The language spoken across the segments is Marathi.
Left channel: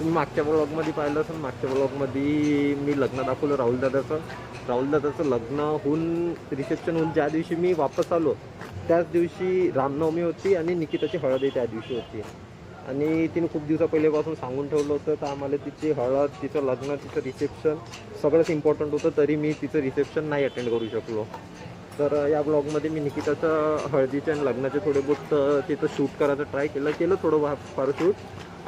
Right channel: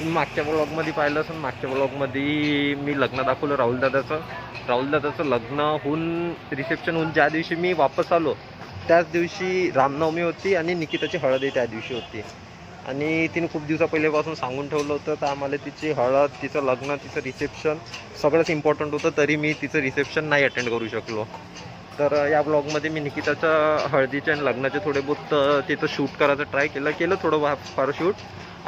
तुम्ही मागच्या ब्लॉगमध्ये पाहिलं असेल, मागच्या ब्लॉगमध्ये मी लग्न दाखवलं राहुल दादाचं लग्न होऊन रिसेप्शन होऊन ज्या दिवशी मी वापस आलो त्याच दिवशी रामनवमी होती आणि निकिताची हळदही त्या दिवशी होती. आणि तिने खूप दिवसा पहिल्यापासून सांगून ठेवलं होतं, तर आम्हाला तिची हळद, तिचं लग्न, तिचं रिसेप्शन सगळंच इम्पॉर्टंट होतं, तरी मी तिचं रिसेप्शन नाही अटेंड करू शकलो. तर या ब्लॉगमध्ये मी निकिताच्या हळदीचे आणि लग्नाचे थोडे बहुत तिथं शूट करायचं ट्राय केलं थोडं फार शूट.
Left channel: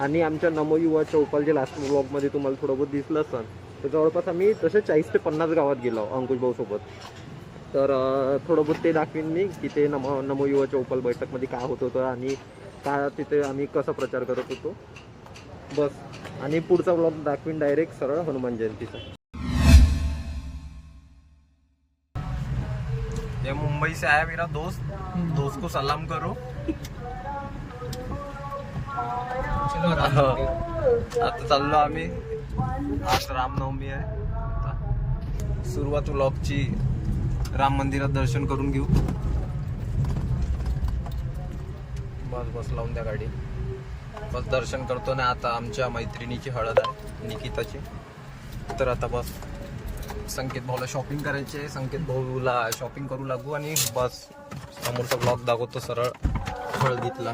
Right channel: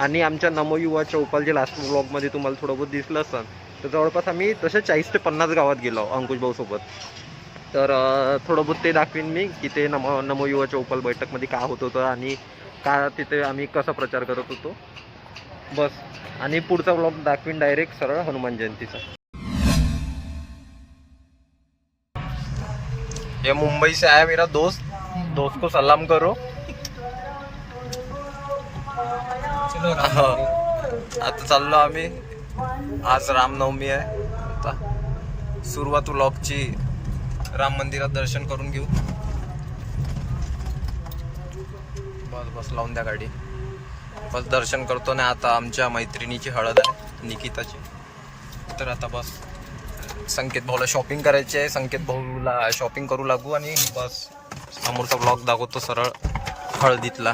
आणि आमच्या नमो युवा चौपाल जे लास्ट ब्लॉगमध्ये तुम्हाला थोडं बहुत दिसलं असतं, तर जवळपास आम्ही तसे 40 ते 50 गावात गेलो अंकुश भाऊसोबत. तर थोडं बहुत ते दाखवीन मी की ते नमो युवा चौपाल बैठकमध्ये काय होत होतं आणि का तिथे आम्ही कसा प्रचार करत होतो बस. आणि पुढचा ब्लॉग दाखवीन डायरेक्ट सरळ हनुमान जयंतीचा. ये मुंबई से आया मेरा दोस्त को सलाम करो. आता चाललो आम्ही. आज रामनवमी आहे. आता सुरुवात व्लॉगची राम मंदिरात दर्शन करून घेऊ. बस लावून द्या गाडी. बस दर्शन करतो ना. आता आमच्या मैत्रिणीची हळद आहे निकिताची. तर आता बस संकेत भाऊला शॉपिंग करायची आहे. संकेत भाऊला शॉपिंग करू लागू आणि बस समोरचा ब्लॉग दाखवतो सरळ हळदीतला.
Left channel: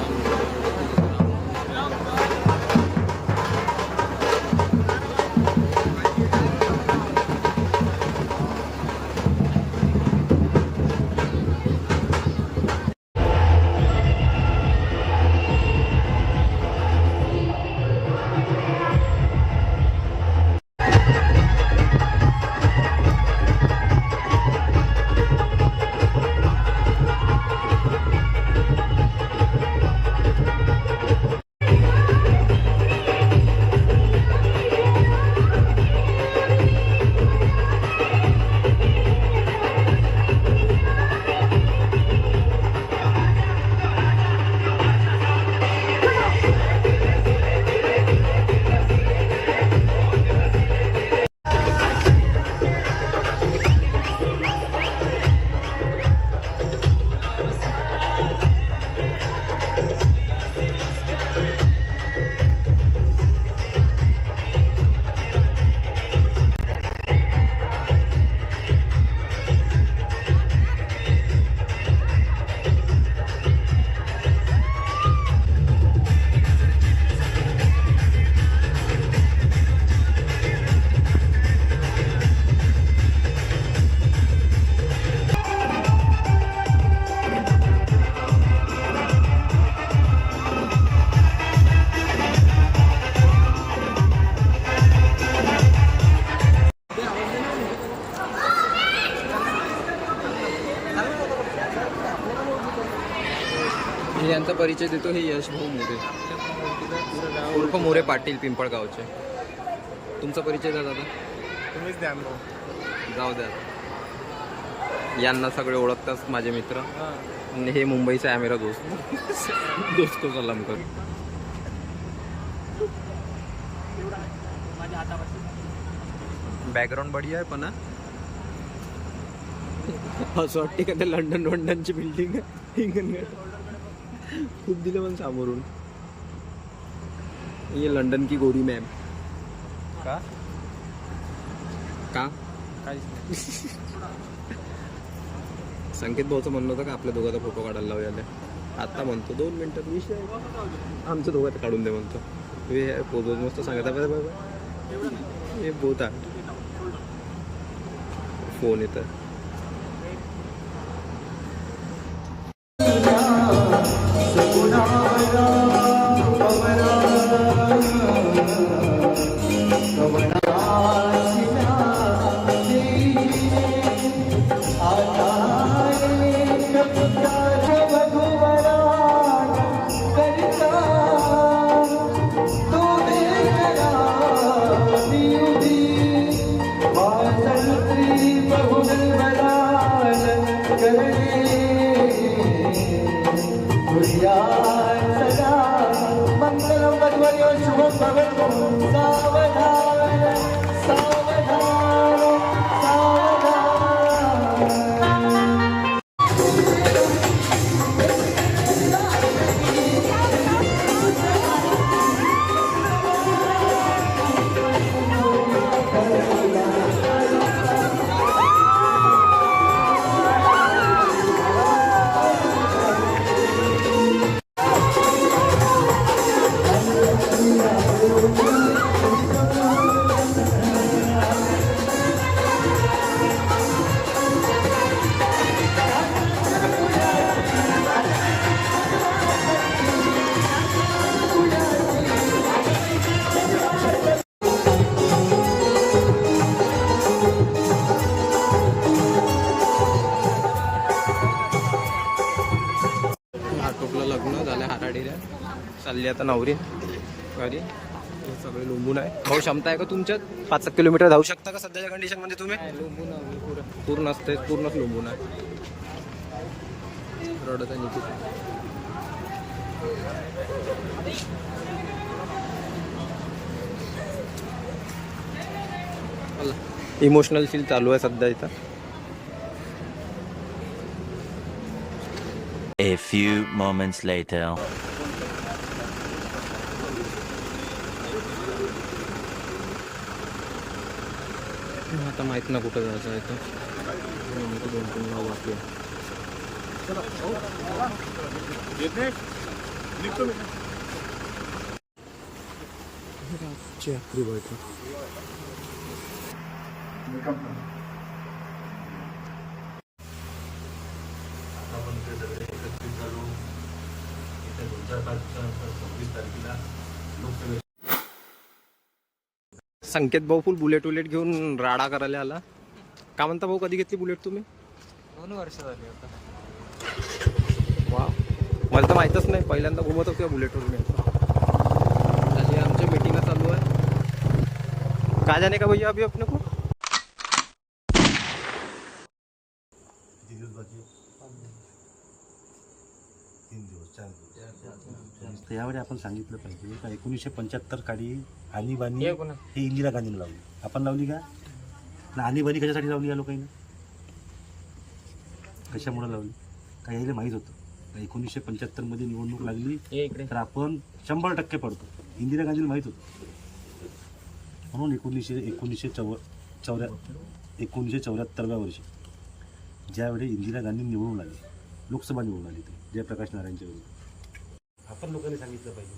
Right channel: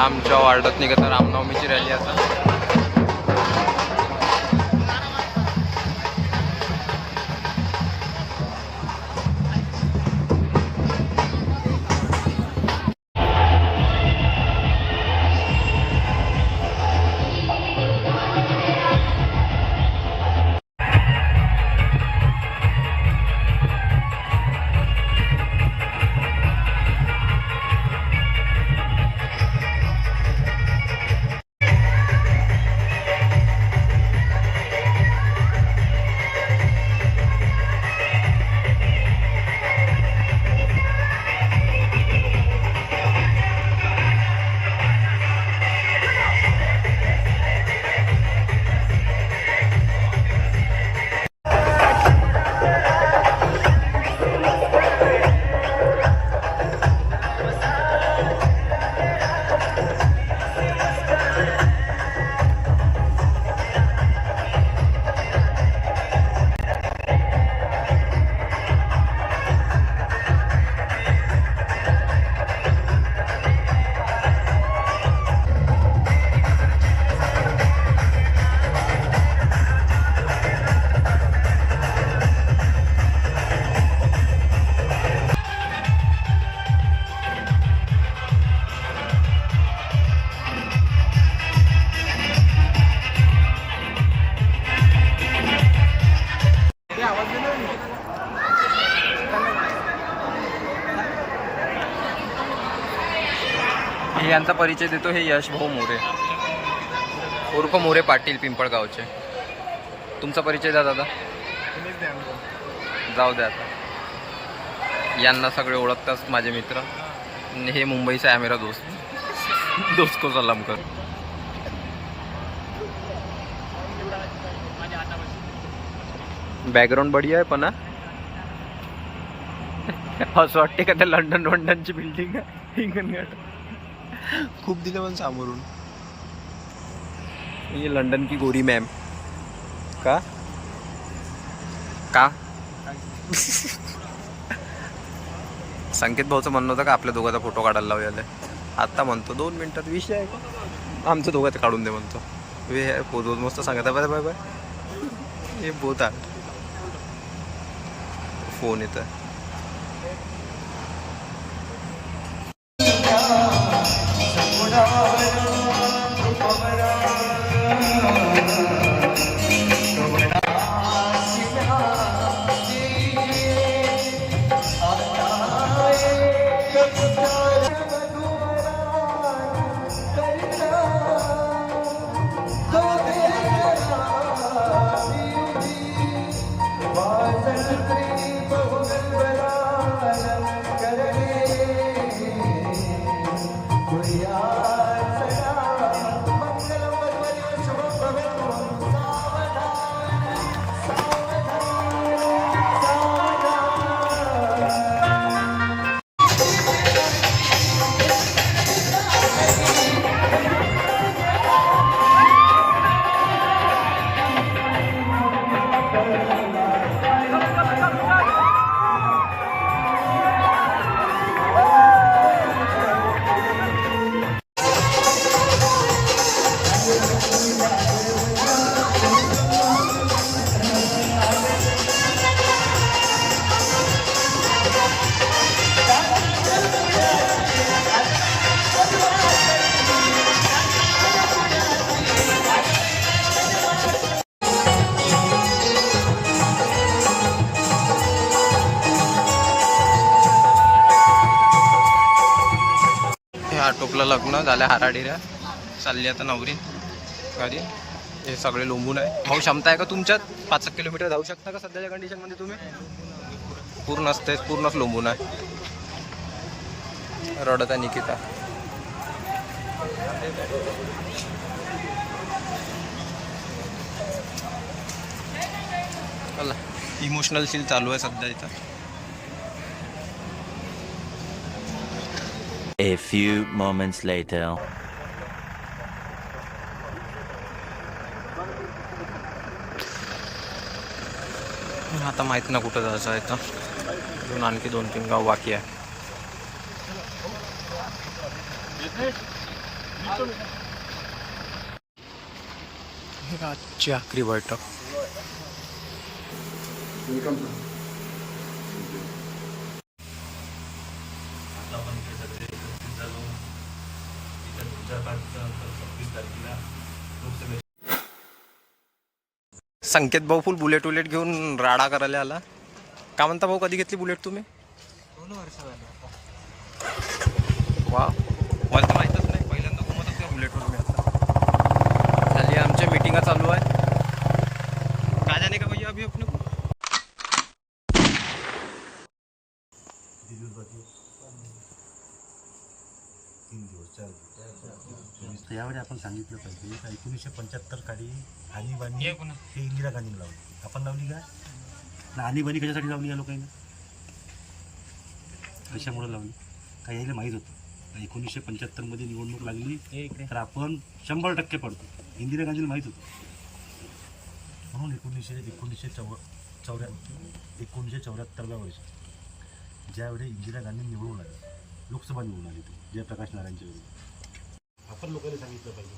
आमच्या वार्डात निघत रामनवमीची रॅली आता. यांचा परिचय देतो. हे यश भाऊ मोरे उर्फ मोरे पाटील पिंपळगावचे. तुमचा परिचय द्या दादा. तुम्हीच द्या. जाऊ द्या आता. यांना सगळे ओळखतात माझे मित्र. हे मुंबईचा आहे मेरा दोस्त को सलाम कर. बॅकग्राऊंड बढिया आहे पण असं वाटते का त्या लंडनची बिल्डिंग आहे हिंगणघाट. खूप दिलं पण समोरून. ये लंडन की गोरी मॅम का संकेत भाऊचं म्हणणं होतं का आपल्या दोघांचा फोटो काढायला लावूया. आता म्हणतो 2 मिनिटात विषय आहे आमचं दोघांचं काढून दे म्हणतो. वे पोच मस्त सांगत आहे. बाय बाय हे बोत आहे. फोन येतं. आटोपलं लग्न झालं, हाराडिऱ्या चालली आता नवरीन घरी. हे सगळे लोंबून आहे. भाऊ क्षमता आहे का तुमच्यात? 5 किलोमीटर धावू शकता का सध्याच्या कंडिशनमध्ये तुम्ही? पूर्णच लोंबून आहे. रडत आहे निकिता. इमोशनल सील चालू आहे सध्या इथं. A few moments later. आता माहित ना कुठं जायचं आहे तर. अजून आणखी 2-3 गाव बाकी आहे. आजची आखरी बैठक. संकेत भाऊ फुल बुलेट घेऊन राडा करायला आला. का म्हणता भाऊ, कधी घेतली बुलेट तुम्ही? 2 वर्ष झाली आता. वा, मला तर माहीतच नाही. पहिल्यांदा घुमत होते बुलेटवर मी. आता झाली आमच्या मीटिंगा चालू आहे. काय जाने का भैया अभी अपने को? तर यावेळी आपण सांगितलं पाहिजे का 1975 काळी आणीबाणी हे इंदिरा गांधीने लावली. आपण लावली का? ना आणीबाणी कशासाठी लावली या लोकांनी? कशामुळे लावली? का यायला माहीत होतं 1975 मध्ये निवडणूक लागली तर आपण 100% पडतो. इंदिरा गांधीला माहीत होतं. म्हणून 1974व्या वर्षी ज्यावेळी इंदिरा गांधी निवडून आली, लोकसभा निवडून आली ती जयप्रकाश नारायणच्या वेळी, आपण लोकांनी सांगितलं पाहिजे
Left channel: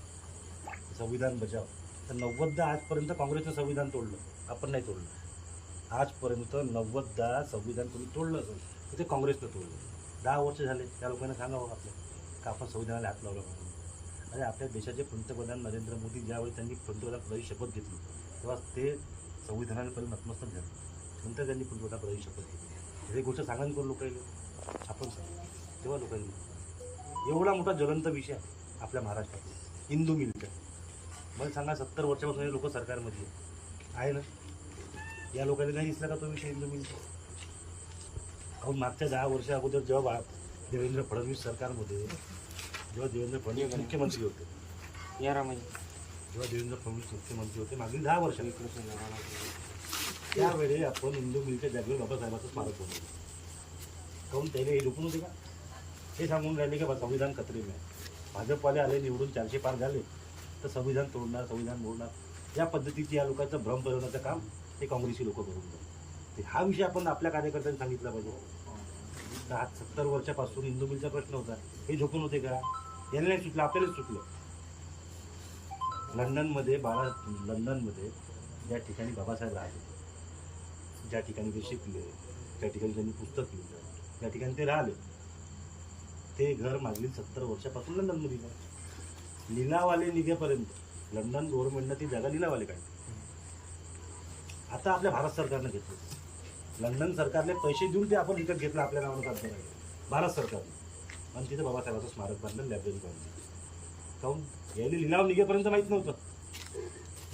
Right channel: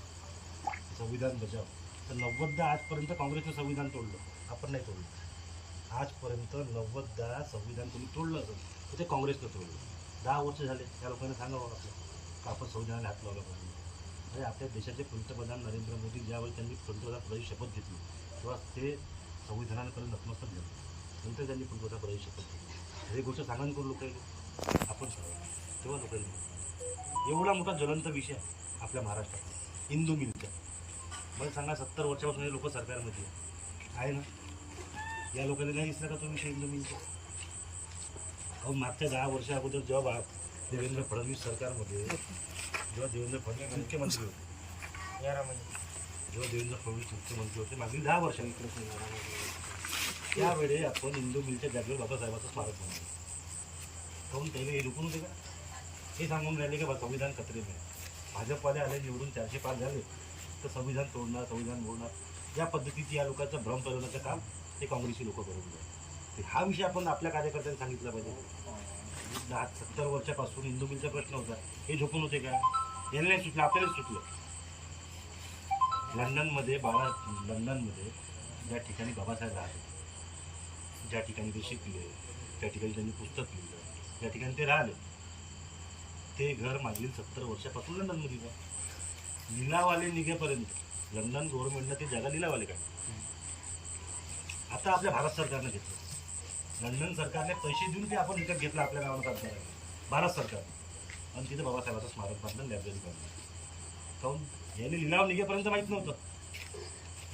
संविधान बचाव. तर 90दा आजपर्यंत काँग्रेसनं संविधान तोडलं, आपण नाही तोडलं. आजपर्यंत 90दा संविधान कोणी तोडलं असेल तर ते काँग्रेसनं तोडलं. 10 वर्ष झाले. त्या लोकांना सांगावं आपलं का आपण संविधानाला हात लावला पाहिजे. अरे आपल्या देशाचे पंतप्रधान नरेंद्र मोदी ज्यावेळी त्यांनी पंतप्रधानपदाची शपथ घेतली तेव्हा ते संविधानाला पहिले नतमस्तक झाले. नंतर त्यांनी पंतप्रधानपदाची शपथ घेतली. हे गोष्ट सांगा करून लोकांनी आपण सांगायचं. तेव्हा लोकांनी एवढा मोठा ज्वलंत विषय आपल्या महाराष्ट्रात हिंदू मिलचा. मला सांगा 70 वर्षापासून हे लोक सरकारमध्ये आहे ना. या लोकांनी नाही दिसला का तो विषय हिंदू मिलचा? काहून मागच्या 10 वर्षा अगोदर जेव्हा देवेंद्र फडणवीस सरकारमध्ये जेव्हा देवेंद्र फडणवीस मुख्यमंत्री होते, मागील 10 वर्षांनी त्यावेळी आपण हिंदू मिलच्या जागेवर बाबासाहेबांचं स्मारक बनवलं. काहून पहिले हे झोपून होते का? हे सांगून राहिले का संविधान खतरे नाही. भाजपवाले आले निवडून 400 पार झाले तर संविधान तोडणार, संविधान मोडणार. या पद्धतीची या लोकांचं भ्रम पेरवण्याचं काम हे काँग्रेसी लोक करून गेले. हा विषय आपण आपल्या कार्यकर्त्यांनी सांगितला पाहिजे. 70 वर्षापासून हिंदू मिलचा प्रश्न होता. हे झोपून होते का? यांना नाही सुटलं, आपल्यालाच सुटलं. लंडनमध्ये ज्या ठिकाणी बाबासाहेब राहत होते, ज्या ठिकाणी ते शिकले, त्या ठिकाणी त्यांनी पुस्तक लिहिलं, त्या ठिकाणी ते राहिले, ते घर मागील 70 वर्षापासून लंडनमध्ये आहे. लिलावाले निघेपर्यंत लंडन गव्हर्नमेंटनं ती जागा लिलावाले काढली. आता आपल्या भारत सरकारनं घेतलं. लंडन सरकारने पैसे देऊन ते आपण विकत घेतलं, आपल्या नावानं काम करायला भारत सरकारने. आणि तिथे बाबासाहेबाचं स्मारक बांधलं, लायब्ररी बांधली. काहून? यायला लिलाव निघेपर्यंत माहीत नव्हतं.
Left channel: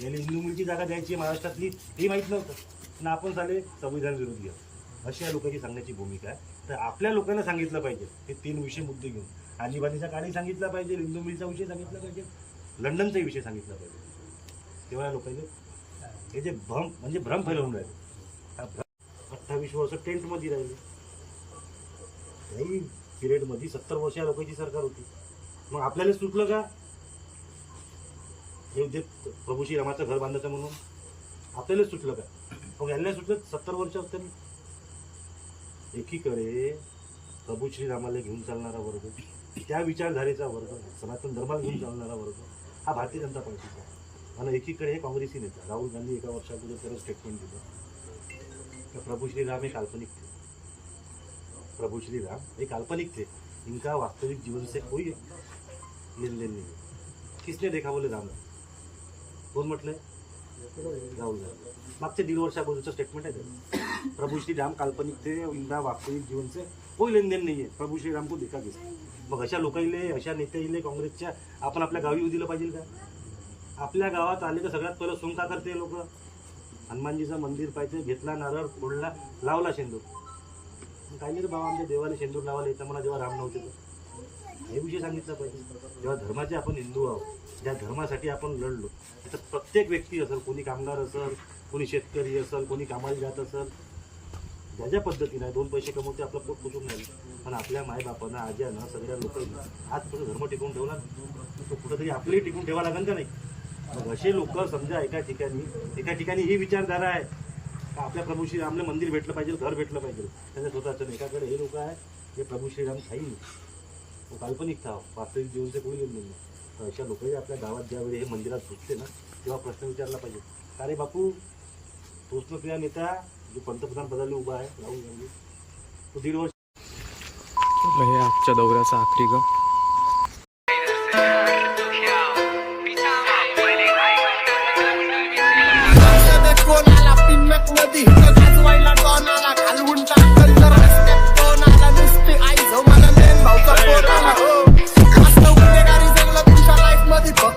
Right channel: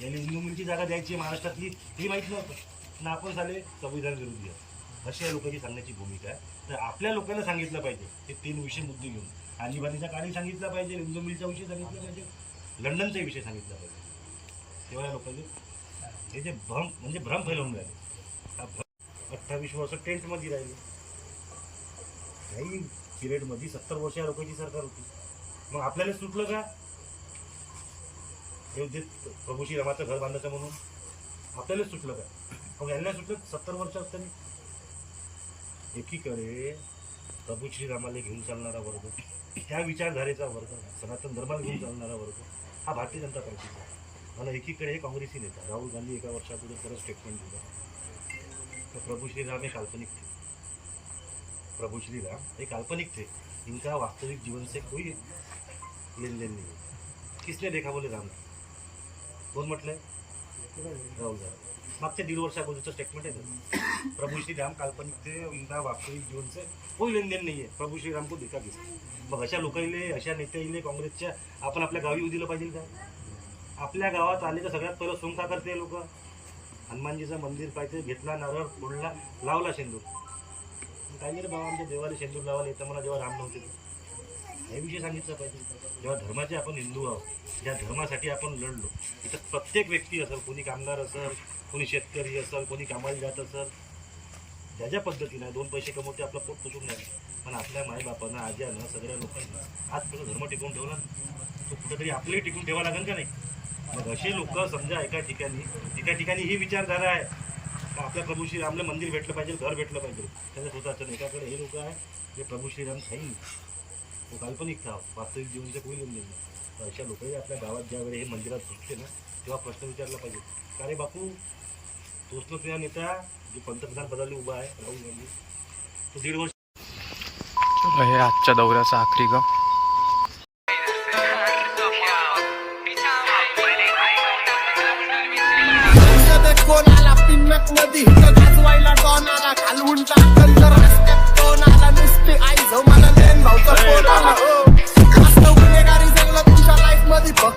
यायला हिंदू मिलची जागा द्यायची महाराष्ट्रातली हे माहीत नव्हतं ना. आपण झाले संविधान विरोधी आहे अशी या लोकांची सांगण्याची भूमिका आहे. तर आपल्या लोकांना सांगितलं पाहिजे हे 3 विषय मुद्दे घेऊन. आणीबाणीचा काळी सांगितलं पाहिजे, हिंदू मिलचा विषय सांगितलं पाहिजे, लंडनचा विषय सांगितला पाहिजे. तेव्हा या लोकांचे हे जे भ्रम फैलवून राहिले. 28 वर्ष टेंटमध्ये राहिले. काही पिरियडमध्ये 70 वर्ष या लोकांची सरकार होती. मग आपल्याला सुटलं का? हे जे प्रभू श्रीरामाचं घर बांधायचं म्हणून आपल्यालाच सुटलं का? मग यांना सुटलं 70 वर्ष असताना. एकीकडे प्रभू श्रीरामाला घेऊन चालणारा वर्ग, त्या विचारधारेचा वर्ग, सनातन धर्माला घेऊन चालणारा वर्ग हा भारतीय जनता पार्टीचा आहे. आणि एकीकडे हे काँग्रेसी नेता राहुल गांधी एका वर्षापूर्वी परत स्टेटमेंट दिलं तर प्रभू श्रीराम हे काल्पनिक थे. प्रभू श्रीराम हे काल्पनिक थे. इनका वास्तविक जीवन से कोई लेन देन नहीं है. किसने देखा बोले राम? कोण म्हटलंय? राहुल गांधी मागच्या 1.5 वर्ष अगोदरचं स्टेटमेंट आहे ते. प्रभू श्रीराम काल्पनिक थे उनका वास्तविक जीवन से कोई लेनदेन नाही आहे. प्रभू श्रीराम को देखा घेतला. मग अशा लोकांले अशा नेत्याले काँग्रेसच्या आपण आपल्या गावी येऊ दिलं पाहिजे का? आपल्या गावात आले तर सगळ्यात पहिलं सोंग का करते लोक? हनुमानजीचं मंदिर पाहिजे, घेतला नारळ फोडला, लावला शेंदूर. काय नाही रे बाबा, आमच्या देवाला शेंदूर लावायला येतं मला जेव्हा राम नव्हते ते. हे विषय सांगितलं पाहिजे. जेव्हा धर्माचे आपण हिंदू आहोत, ज्या धर्मासाठी आपण लढलो, तर प्रत्येक व्यक्ती असेल, कोणी कामगार असेल, कोणी शेतकरी असेल, कोणी कामाला जात असेल, ज्या ज्या पद्धतीनं 2 पैसे कमवते आपलं पोट पुसून राहिलं. पण आपल्या मायबापानं आज्यानं सगळ्या लोकांनी आजपासून धर्म टिकवून ठेवला, तो कुठंतरी आपलंही टिकून ठेवा लागेल का नाही? मग असे लोक समजा एका ठिकाणी ही विचारधारा आहे का आपल्या प्रभू श्रीरामला मंदिर भेटलं पाहिजे, घर भेटलं पाहिजे, त्यांच्या स्वतःचं नाही. एकाकडे हे लोक आहे जे प्रभू श्रीराम खाईन, तो काल्पनिक था, वास्तविक जीवनचे कोणी लेन नाही. तर अशा लोकही आपल्या गावात ज्यावेळी हे मंदिरात घुसते ना, तेव्हा प्रश्न विचारला पाहिजे, का रे बापू, तोच ना तुझा नेता जो पंतप्रधान पदाला उभा आहे, राहुल गांधी, तो 1.5 वर्ष हे आजच्या दौऱ्याचा आखरी ग. कोणाला पिन्नत मध्ये गाजवायला डॉन